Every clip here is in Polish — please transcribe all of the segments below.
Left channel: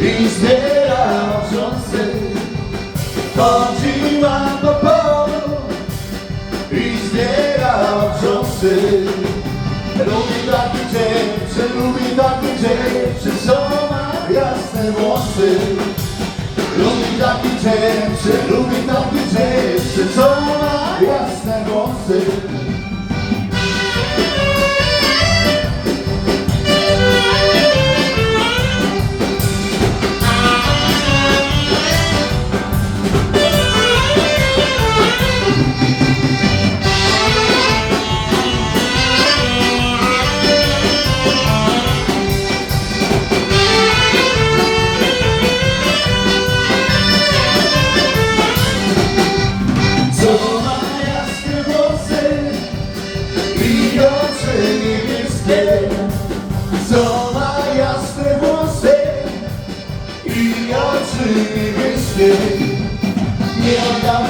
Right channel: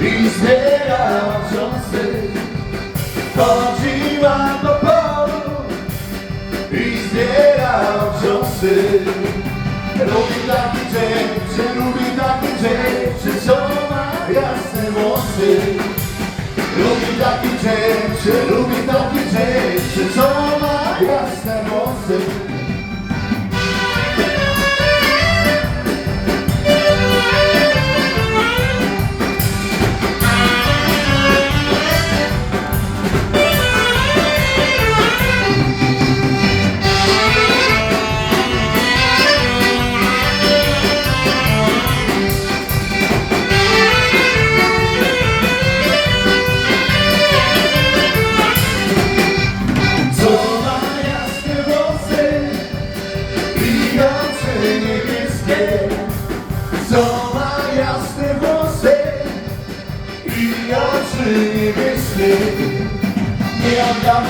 i znienawidzony Chodziłam do polu i znienawidzony Lubi taki dzień, że lubi taki dzień?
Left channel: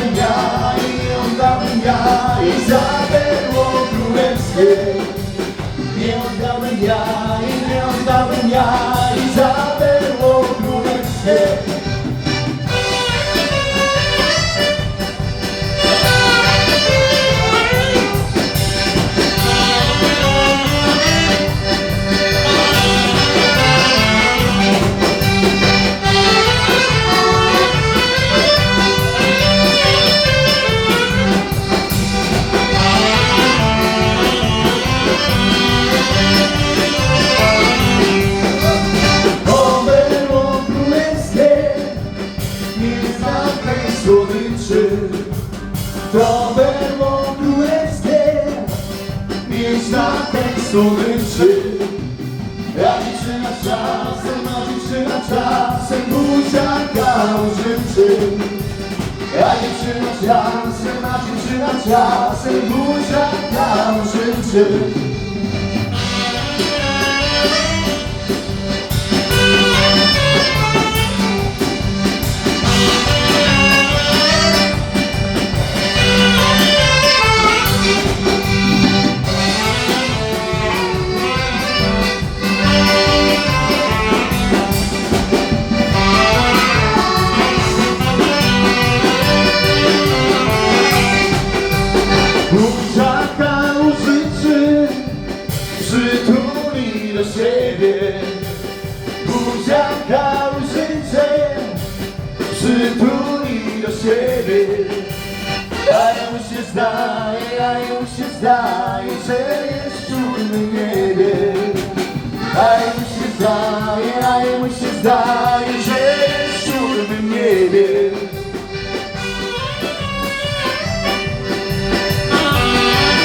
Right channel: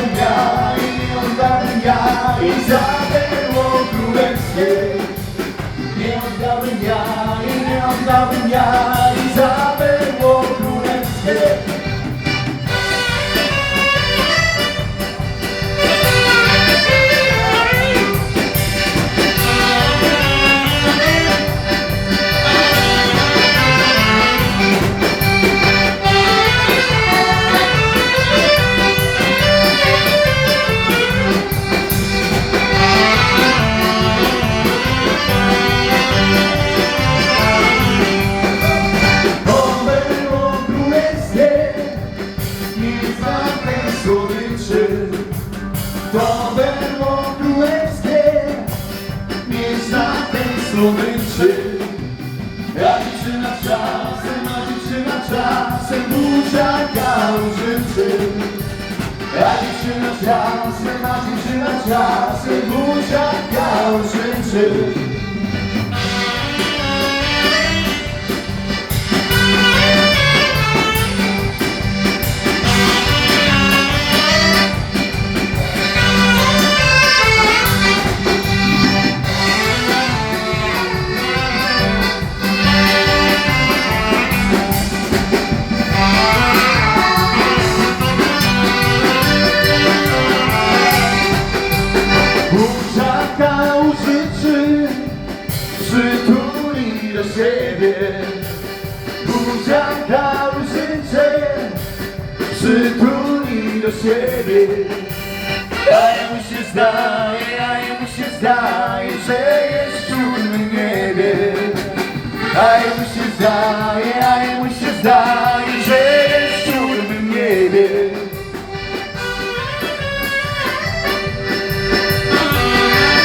Oddałbym ja, i nie oddałbym ja I za berło królewskie Nie oddałbym ja, i nie To było królewskie, nie znam słodyczy. Ja dziewczyna czasem, a dziewczyna czasem buziaka użyczy. Ja dziewczyna czasem, a dziewczyna czasem buziaka. Siebie. Buziaka użyczy, przytuli do siebie. A jemu się zdaje, a jemu się zdaje,